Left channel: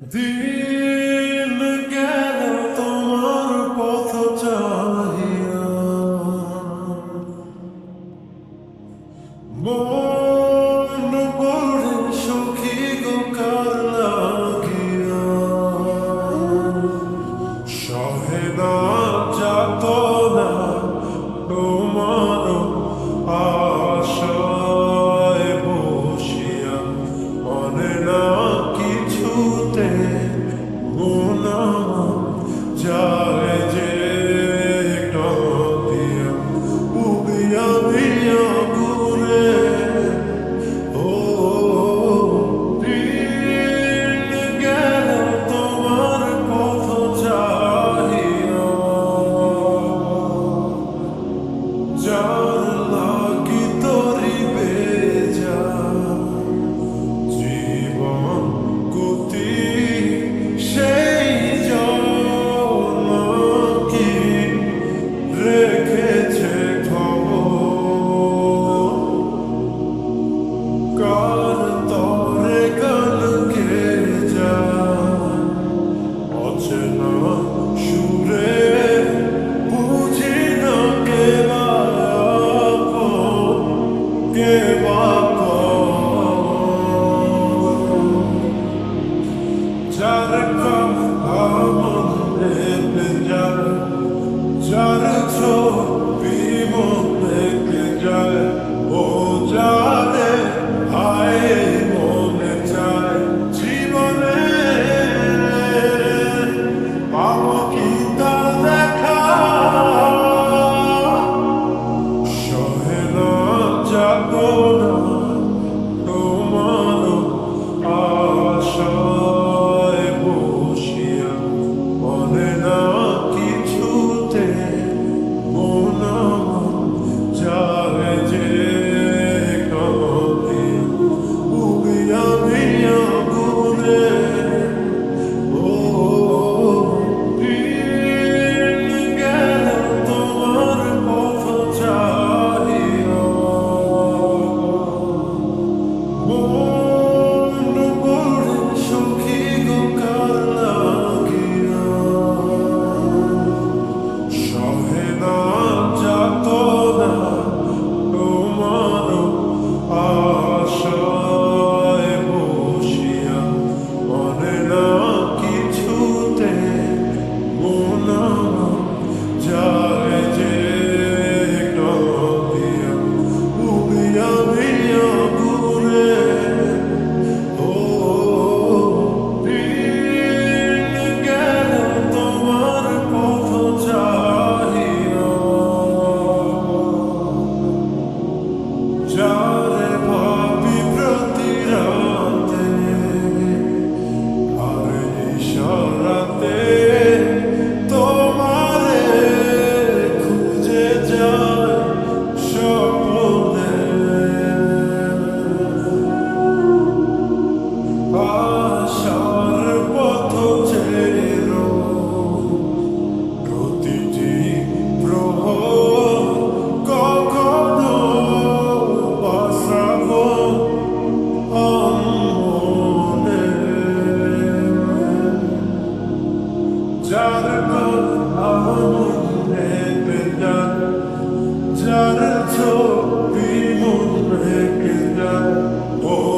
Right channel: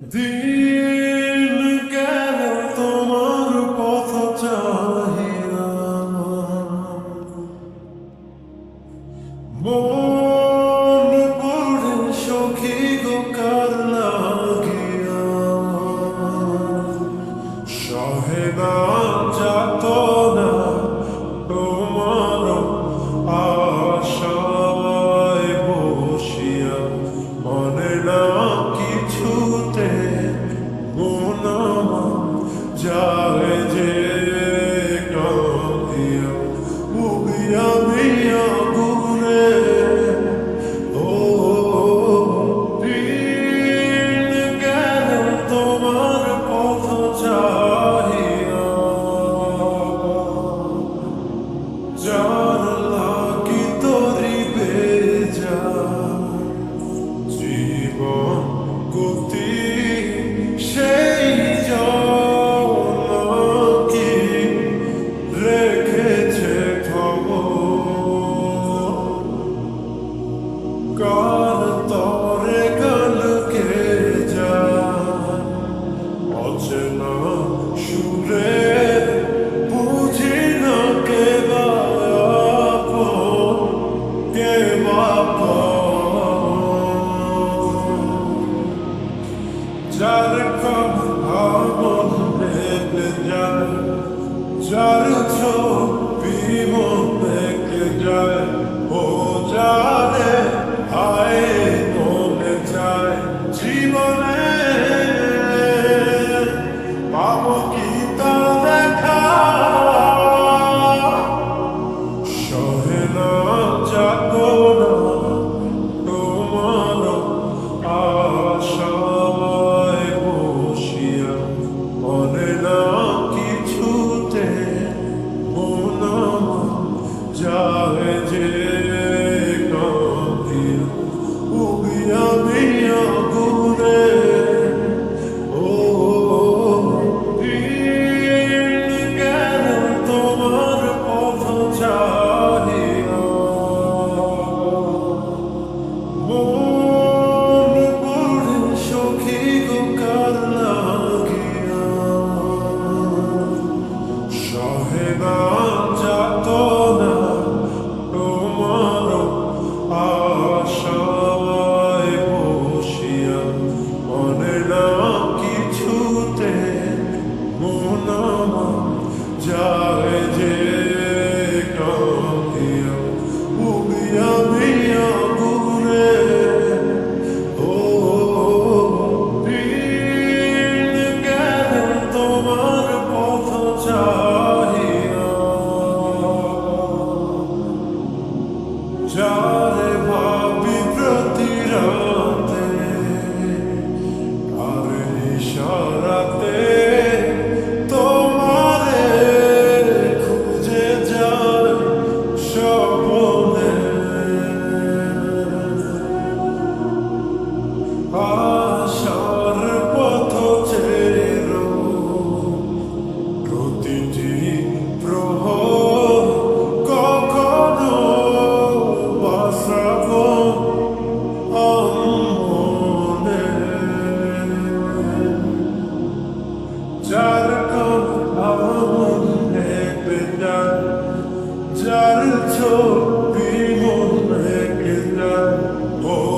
Ти গুণম যায় যে কাঁদিয়া উগিয়া মিয়া গুরে ও তীর্ণ গেল তোমার পথ চাহিয়া। যার তরে কালকে যায়। অচেনা সুরে বুঝি না কে বাপ কে বাপ যার কম ভাবন রেপে যায়, যার ছোট বিমন দেখে যায়, ও যাদের না যাত না the সরাতে যার আমন কেনা যার ছবি মন কেনা ও